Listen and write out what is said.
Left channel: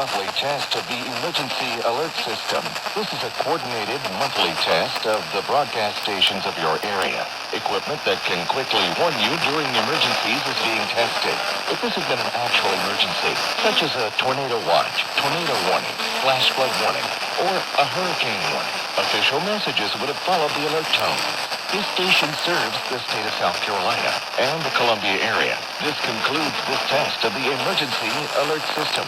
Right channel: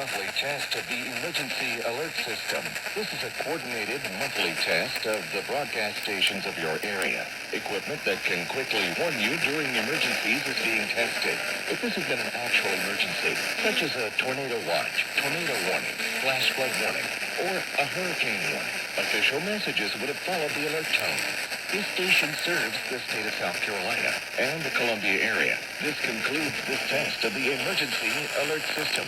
monthly test of the emergency alert system. This is a coordinated monthly test of the broadcast stations of your area. Equipment that can quickly warn you during emergencies is being tested. If this had been an actual emergency, such as a tornado watch, tornado warning, flash flood warning, or a hurricane warning, official messages would have followed the alert tone. This station serves the state of South Carolina and the Columbia area. This concludes this test of the emergency alert system.